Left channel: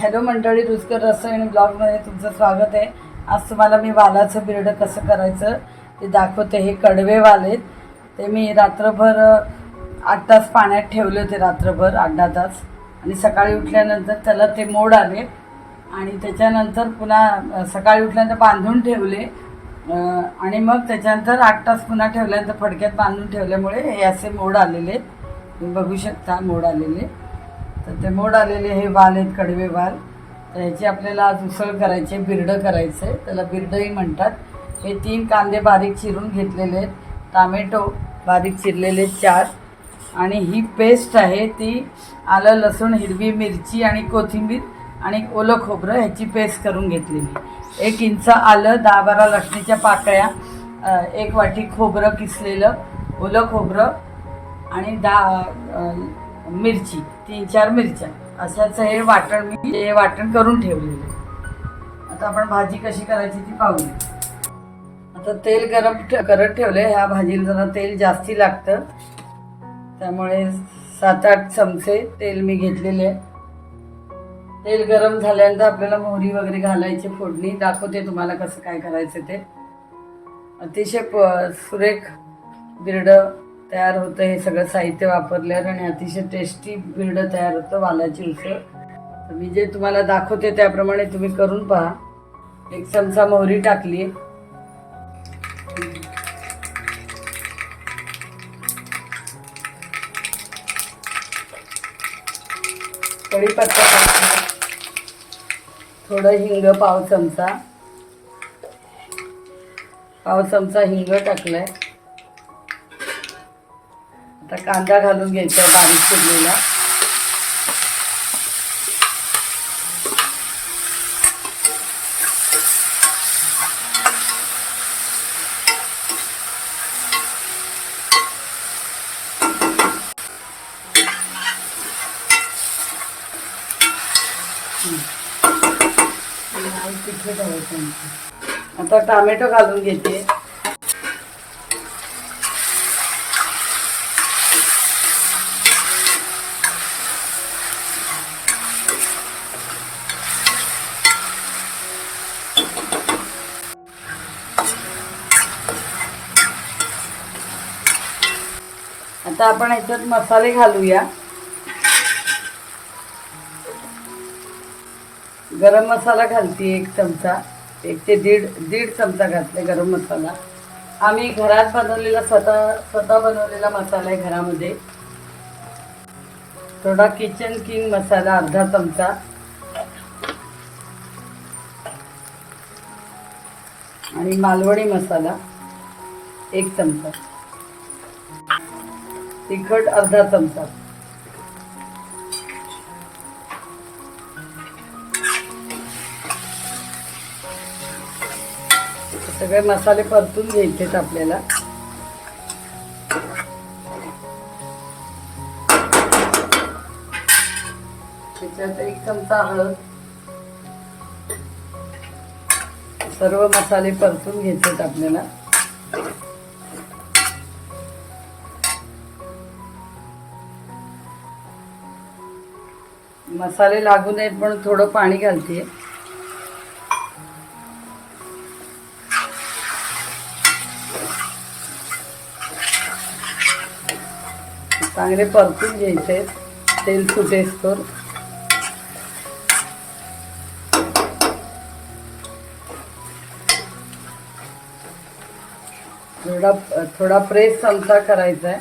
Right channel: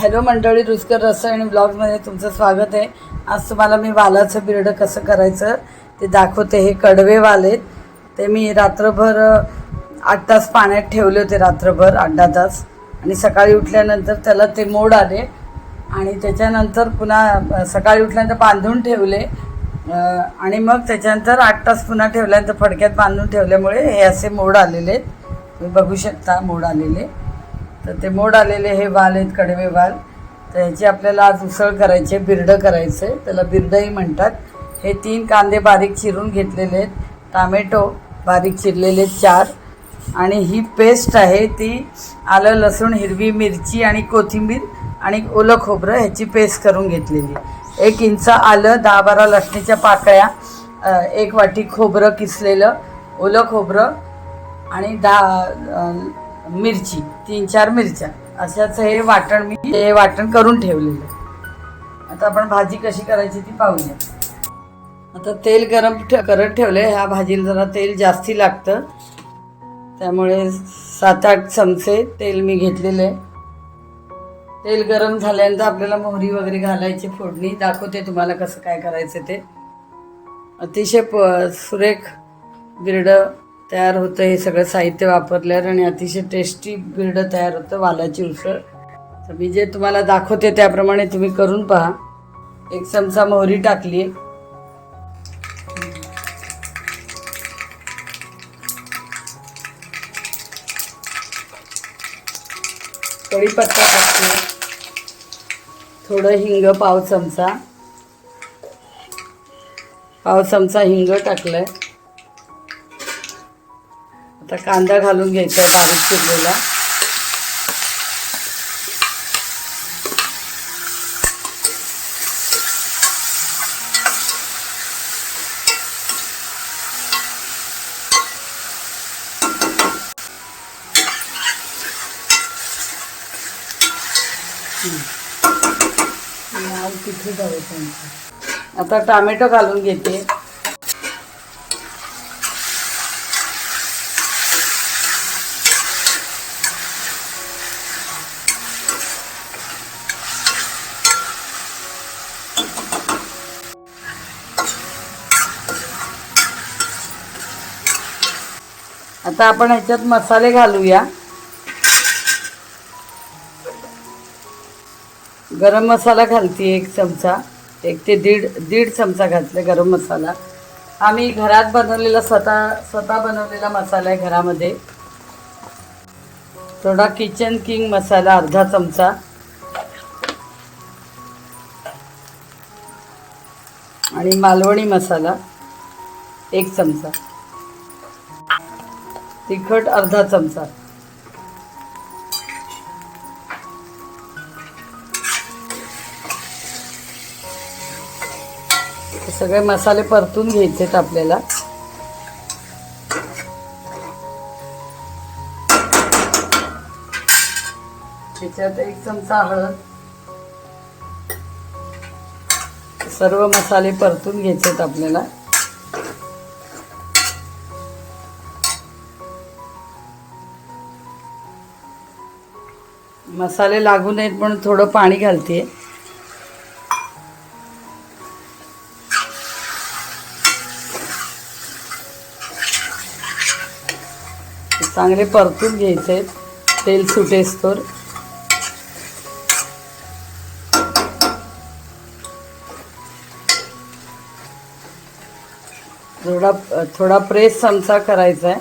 Hello मंडळी, रुचकर रसोई ब्लॉगमध्ये तुमचं स्वागत आहे। आज तुम्हाला मी वालाचं बिरडं कसं करायचं ते दाखवते। हे कडवे वाल आहेत, ते मी रात्रभर 8 तास पाण्यात ठेवले होते, रात्रभर 8-10 तास, आणि सकाळी उठल्यानंतर त्याला ते मोड आले आणि त्याच्यानंतर पुन्हा सकाळी उठल्यानंतर बांधून ठेवले आणि मग त्याच्यानंतर 8 तास पुन्हा ठेवल्यानंतर फडक्यात बांधून ठेवल्यामुळे हे असे मोड आलेले आहेत। तुम्ही बघू शकता मोड आलेले। तर ते मोड आलेले हे वाल आहेत, कडवे वाल। तर ह्याची आपल्याला आज उसळ करायची, बिरडं करायचं आहे, त्याला बिरडंही म्हणतात। हे 3 कांदे बारीक चिरून घेतलेले आहेत, टोमॅटो बारीक चिरलेले 4, आणि ही पेस्ट आहे ती आलं लसूण हिरवी मिरची आणि कोथिंबीर आणि ओलं खोबरं ह्याची पेस्ट करून घेतलेली। 1 इंच आलं, 10-12 लसणीच्या पाकळ्या, 1 वाटी खोबरं किसलेलं, ओलं खोबरं आणि 10 मिरची, 3-4 मिरच्या, अशाच हे वाटण करून ठेवलेलं आहे। आता आपण भाजी कशी करायची ती पाहूया। आता तेल गरम करत ठेवले। ह्या भाजीला जरा तेल जास्ती लागतं, त्यामुळे 7-8 चमचे तेल मी घेतलेले। तेल गरम झाल्यानंतर आपल्याला मोहरी वगैरे घालायची, फोडणी दाखवते तुम्हाला कसं काय करायचं ते। अतिशय सुरेख बिरडं तयार होतं हे सगळं साहित्य वापरल्यावर, आणि अतिशय टेस्टी बिरडं तयार होतं, वालाची उसळ। तर मी जे तुम्हाला दाखवते त्याप्रमाणे तुम्ही करून पहा। 1 चमचा मोहरी टाकली, कढीपत्ता टाकला, थोडं हिंग, पाव चमचा हिंग टाकलाय। आता कांदा घालून घ्यायचा बारीक चिरलेला, आता टोमॅटो घालून घेते। आता आपण ह्याच्यात मसाले घालूया। गरम मसाला घालते 1 चमचा, 1 ते दीड चमचा घातले गरम मसाला। आम्ही घरात बनवलेला स्वतः बनवलेला मसाला आहे घरामध्ये। थोडा किचन किंग मसाला अर्धा चमचा, आणि मालवणी मसाला 1 चमचा, तिखट अर्धा चमचा। सगळे मसाले परतून घ्यायचे आहेत आपल्याला। त्याच्यात 1 चमचा हळद, सर्व मसाले परतून घ्यायचे आहेत आपल्याला। मसाले लागू नयेत म्हणून थोडं पाणी घालते। चांगले परतून घ्यायचे, तेल सुटेस्तोवर। थोडा प्रेस चमचा करायचा आहे।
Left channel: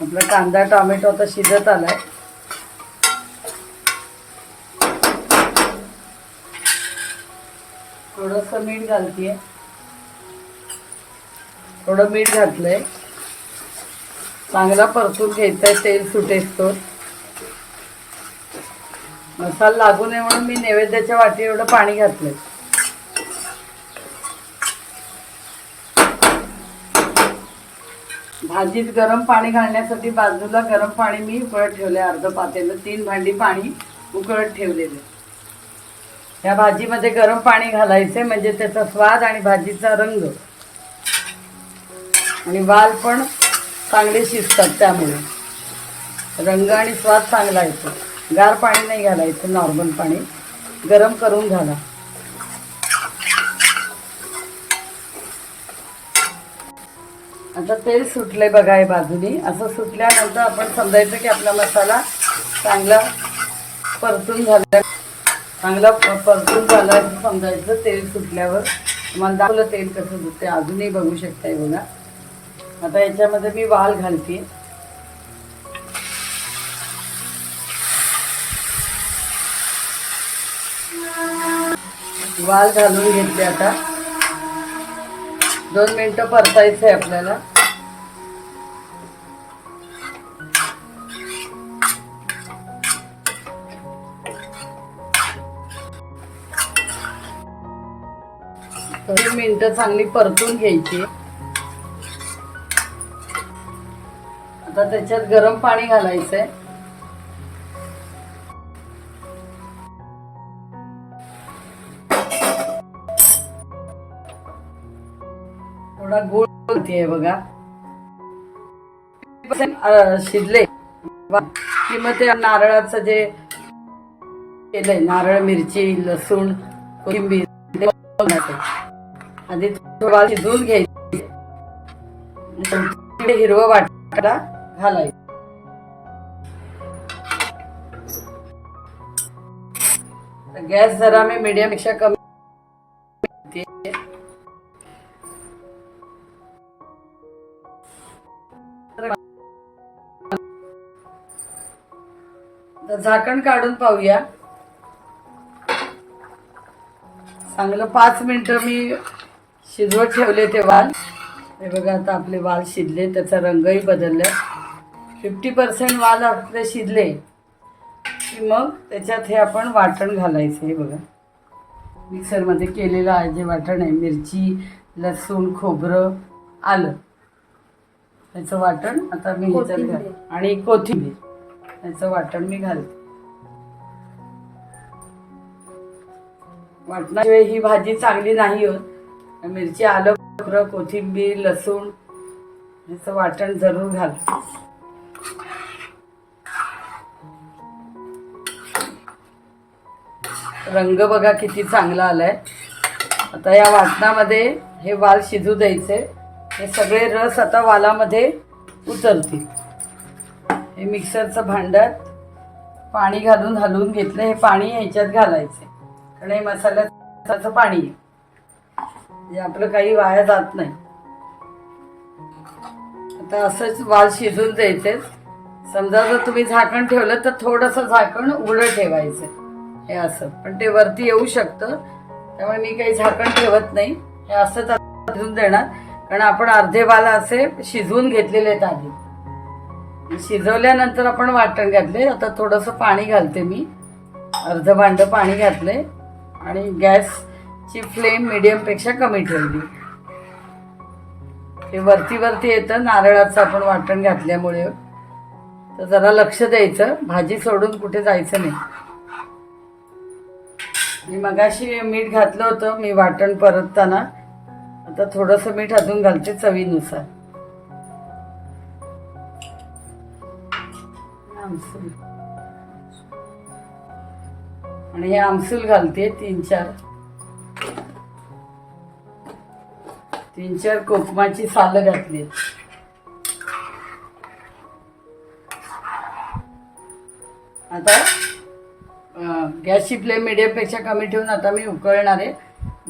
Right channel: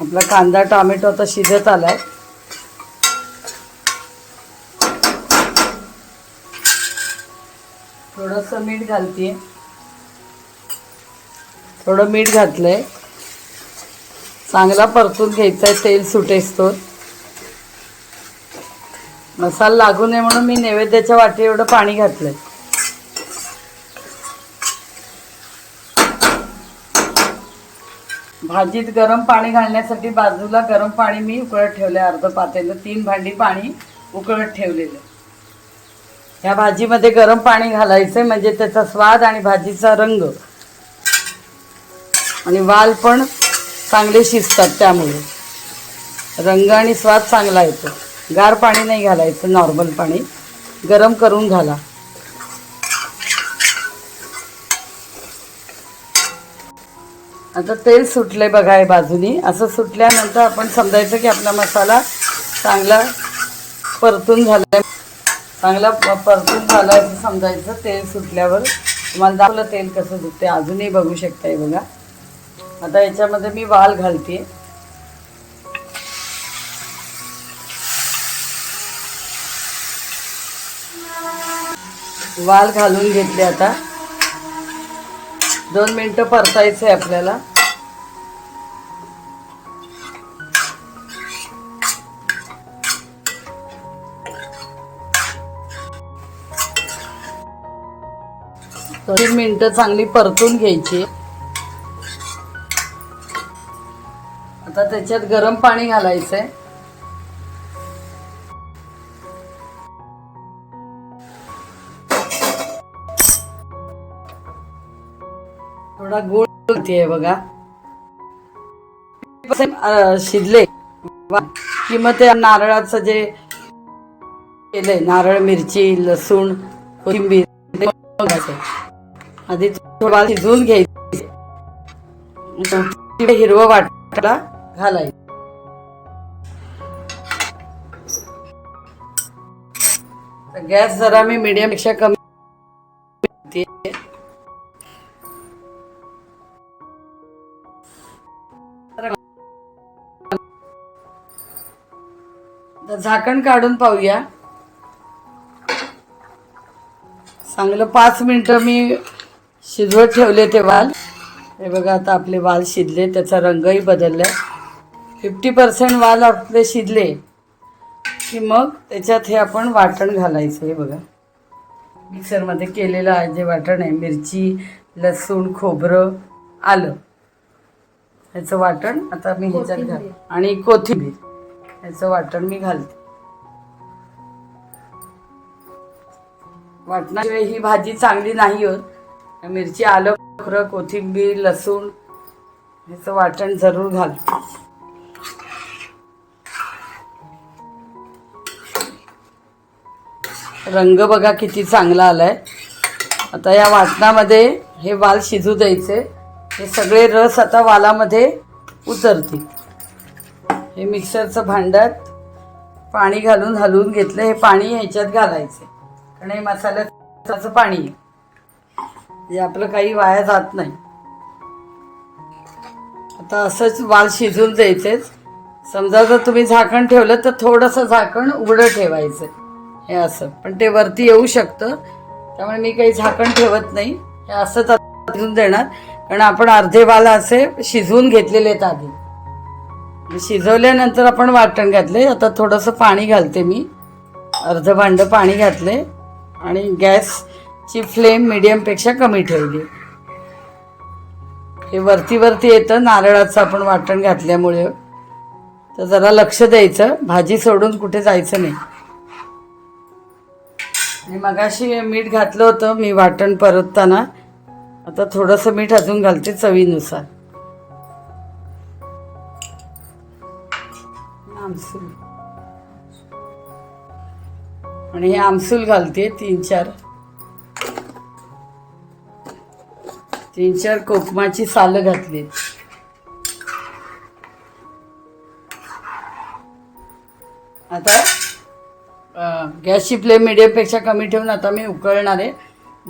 आपला कांदा टोमॅटो आता शिजत आलाय। थोडंसं मीठ घालते, थोडं मीठ घातलंय। चांगला परतून घ्यायचा आहे तेल सुटेस्तोवर। मसाला लागू नये म्हणून मी नैवेद्याच्या वाटी एवढं पाणी घातलंय। भाजीत गरम पाणी घालण्यासाठी बाजूला गरम पाणी मी उकळत ठेवलंय, अर्ध पातेलं, 3 भांडी पाणी उकळत ठेवलेलं। या भाजीमध्ये गरम पाणी घालायचं म्हणजे त्याचा स्वाद आणि भाजीचा रंग आणि वाल पण चांगले शिजतात, त्यामुळे रंग आणि स्वाद चांगला येतो। गार पाणी नाही घालायचं, नॉर्मल पाणी। गरम करून घाला. आता तेल सुटले बघा या बाजूनी. असं सुटल्यानंतर आपण समजायचं की आपला मसाला चांगला परतून झाला, चांगला परतून झाला असं समजायचं. तेल सुटल्यावर तुम्हाला दाखवलं तेल कसं सुटते, अजूनही बघू शकताय बघा. आता याच्यामध्ये मी वाल घालते. वाल घालून घेतले. आता 2 मिनिटं परतायचं आहे आपल्याला. दोन मिनिटं चांगली परतून घ्यायची. आता त्याच्यात गरम पाणी घालायचंय. थोडा गूळ घालते बघा. शिजले कि मग ते नारळाचं जे केलंय, नारळ, मिरची, लसूण, कोथिंबीर आधी थोडा शिजवून घ्यायचं. हिरवं वाटायला घालायचं. गॅस जरा मी मीडियम पेक्षा कमी. झाकण काढून पाहूया. चांगलं 5 मिनिटं मी शिजवत ठेवले ते वाल. हे बघा आता आपले वाल शिजले, त्याचा रंगही बदललाय. 50% वाल आपले शिजले की मग त्याच्यात हे आपण वाटण घालायचं. हे बघा मिक्सरमध्ये केलेलं आहे जे वाटण आहे, मिरची, लसूण, खोबरं, आलं, ह्याचं वाटण आता मी ह्याच्यात घाल, आणि कोथिंबीर, ह्याचं वाटण मी घालते. वाटणाशिवाय ही भाजी चांगली नाही होत. मिरची, आलं, खोबरं, कोथिंबीर, लसूण ह्याचं वाटण जरूर घाल. रंग बघा किती चांगला आलाय. आता या वाटणामध्ये हे वाल शिजू द्यायचे. हे सगळे रस आता वालामध्ये उतरतील. हे मिक्सरचं भांड्यात पाणी घालून हलवून घेतलं. हे पाणी ह्याच्यात घालायचे कारण हे मसाल्याचं पाणी आहे, जे आपलं काही वाया जात नाही. आता असंच वाल शिजून द्यायचे. समजा जर तुम्ही झाकण ठेवलं तर थोडंसं झाकण उघडं ठेवायचं. हे असं, पण ते वरती येऊ शकतं, त्यामुळे मी काही झाकण ठेवत नाही. हे असंच शिजून देणार कारण आपण अर्धे वाल असे शिजवून घेतलेले आहेत आधी. शिजवल्यानंतर आपण वाटण घातले. आता थोडंसं पाणी घालते मी. अर्ध भांडं पाणी घातले आणि गॅसची फ्लेम मीडियमपेक्षा कमी ठेवली. हे वरती वरती येतं नारळाचं आपण वाटण घातल्यामुळे, तर जरा लक्ष द्यायचं. भाजी सोडून कुठे जायचं नाही. आणि मगाशी मीठ घातलं होतं मी वाटण परतताना. आता थोडंसं मीठ अजून घालते चवीनुसार. आमसूल, आणि हे आमसूल घालते 3-4 कोकमाची सालं घातली. आता गॅसची फ्लेम मीडियमपेक्षा कमी ठेवून आता मी उकळणार आहे.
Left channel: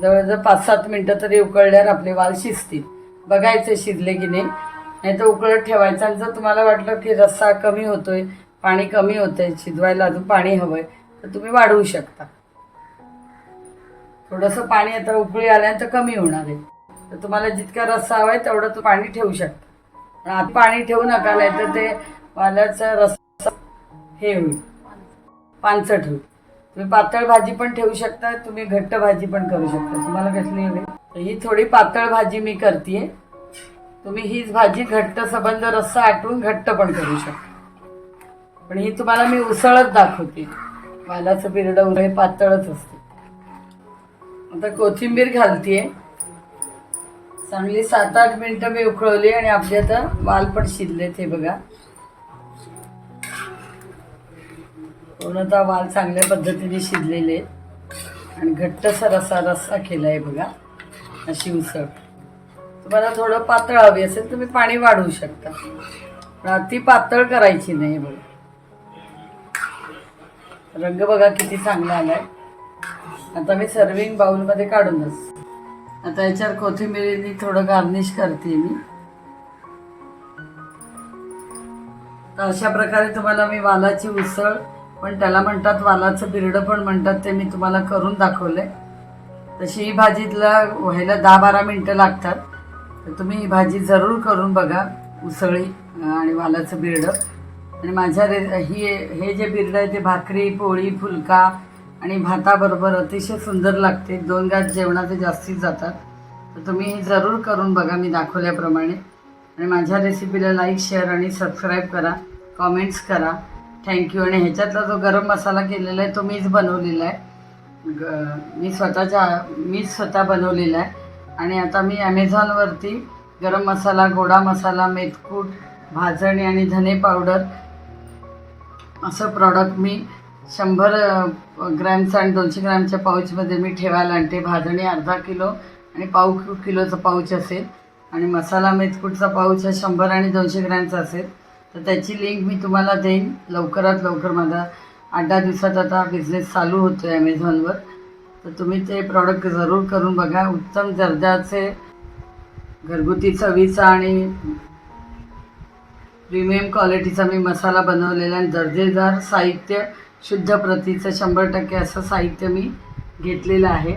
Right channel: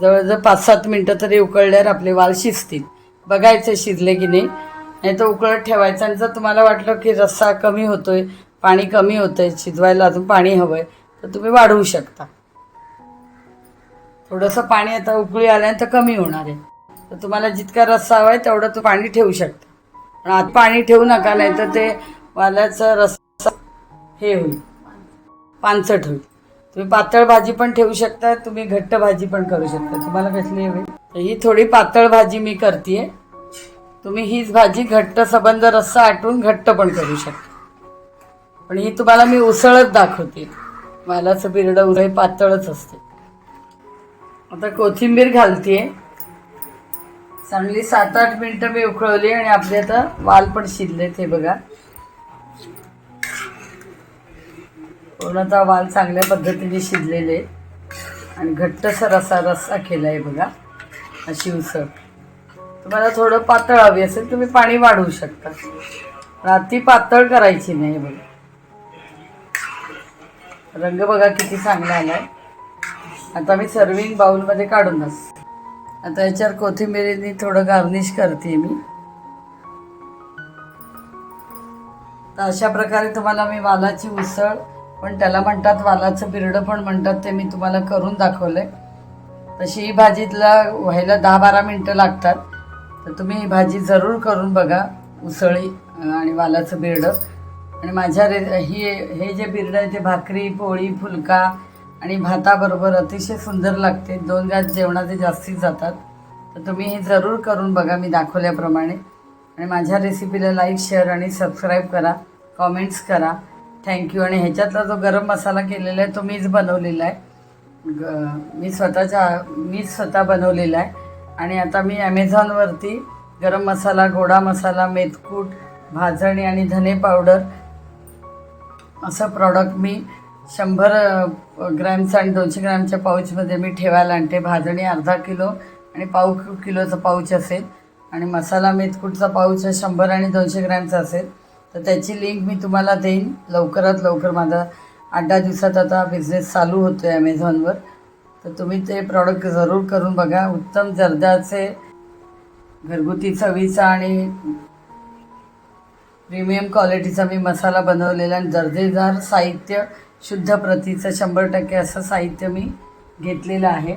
जवळजवळ 5-7 मिनिटं तरी उकळल्यावर आपले वाल शिजतील. बघायचं शिजले की नाही तर उकळत ठेवायचं. आणि जर तुम्हाला वाटलं की रस्सा कमी होतोय, पाणी कमी होतंय, शिजवायला अजून पाणी हवंय, तर तुम्ही वाढवू शकता. थोडंसं पाणी आता उकळी आल्यानंतर कमी होणार आहे, तर तुम्हाला जितका रस्सा हवाय तेवढं तो पाणी ठेवू शकता. पण आत पाणी ठेवू नका, नाही तर ते वाल्याचा रस्सा हे होईल, पानचट होईल. तुम्ही पातळ भाजी पण ठेवू शकता, तुम्ही घट्ट भाजी पण करू शकता. तुम्हाला कसली हवी? तर ही थोडी पातळ भाजी मी करते. तुम्ही हीच भाजी घट्ट सबंध रस्सा आटून घट्ट पण करू शकता. पण ही तुम्हाला मी उसळत दाखवते. वालाचं बिरडं हे पातळच असते. आता कोथिंबीर घालते. चांगली 7-8 मिनिटं मी उकळवली आणि आपले आता वाल पण शिजलेत. हे बघा पूर्णतः वाल चांगल्या पद्धतीने शिजलेले. आणि घट्टसर असा रस्सा केला आहे बघा. अशी उसळ. तुम्हाला थोडं पातळ हवी असेल तुम्ही पाणी वाढवू शकता, पण अति पातळ करायची नाही. बघा रंग बघा किती चांगला आलाय. आता मी सर्विंग बाउलमध्ये काढूनच आता याच्यावर कोथिंबिरीने थोडं गार्निश करते मी. तर अशा प्रकारे तुम्हाला मी वालाची उसळ, पण त्याला म्हणतात वालाचं बिरडं पण म्हणतात, ते मी तुम्हाला करून दाखवलंय. तशी ही भाजीला व्हायला 10-12 मिनटं लागतात. तर तुम्ही ही भाजी जरूर करून बघा, उसळी आणि वालाचं बिरडं. आणि माझ्या हे जे बिरडं आहे ते भाकरी, पोळी, फुलका आणि भाताबरोबर अतिशय सुंदर लागते. 2 घास जेवणाचे जास्तीत जातात. तर तुम्ही हे जरूर करून बघा मी दाखवल्याप्रमाणे. आणि माझ्या रेसिपीला लाईक, शेअर आणि सबस्क्राईब करा, कॉमेंट्स करा. थँक्यू. आणि ह्याच्यातला जो गरम मसाला केलेला आहे तो मीच बनवलेला आहे. मी स्वतः बनवलेला आहे. आणि आता मी ॲमेझॉनवरती गरम मसाला, गोडा मसाला, मेथकूट, भाजणी आणि धने पावडर असं प्रॉडक्ट मी 100 ग्रॅमचं आणि 200 ग्रॅमच्या पाऊचमध्ये मी ठेवायला आणते. भाजणी अर्धा किलो आणि पाव किलोचं पाऊच असेल. आणि मसाला मेथकूटचा पाऊच 100 आणि 200 ग्रॅमचा असेल. तर त्याची लिंक मी तुम्हाला देईन लवकरात लवकर. माझा 8-10 दिवसात आता बिझनेस चालू होतो आहे ॲमेझॉनवर. तर तुम्ही ते प्रॉडक्ट जरूर करून बघा. उत्तम दर्जाचे घरगुती चवीचा आणि प्रीमियम क्वालिटीचा मी मसाला बनवलेला आणि दर्जेदार साहित्य, शुद्ध प्रतीचं 100% असं साहित्य मी घेतलेलं आहे.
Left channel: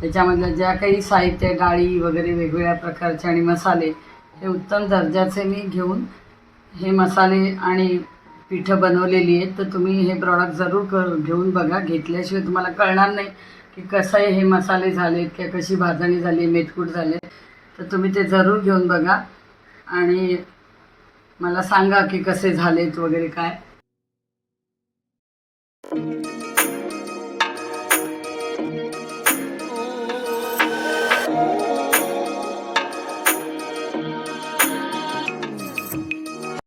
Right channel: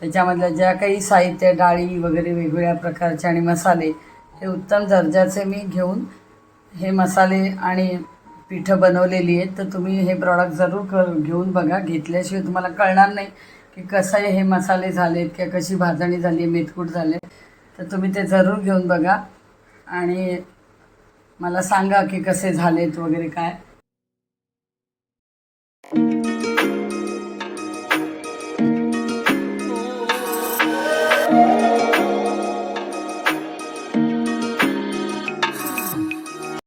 त्याच्यामधल्या ज्या काही साहित्य, डाळी वगैरे वेगवेगळ्या प्रकारचे आणि मसाले हे उत्तम दर्जाचे मी घेऊन हे मसाले आणि पिठं बनवलेली आहेत. तर तुम्ही हे प्रॉडक्ट जरूर घेऊन बघा. घेतल्याशिवाय तुम्हाला कळणार नाही की कसं हे मसाले झालेत किंवा कशी भाजणी झाली, मेथकूट झाले. तर तुम्ही ते जरूर घेऊन बघा आणि मला सांगा की कसे झालेत वगैरे काय.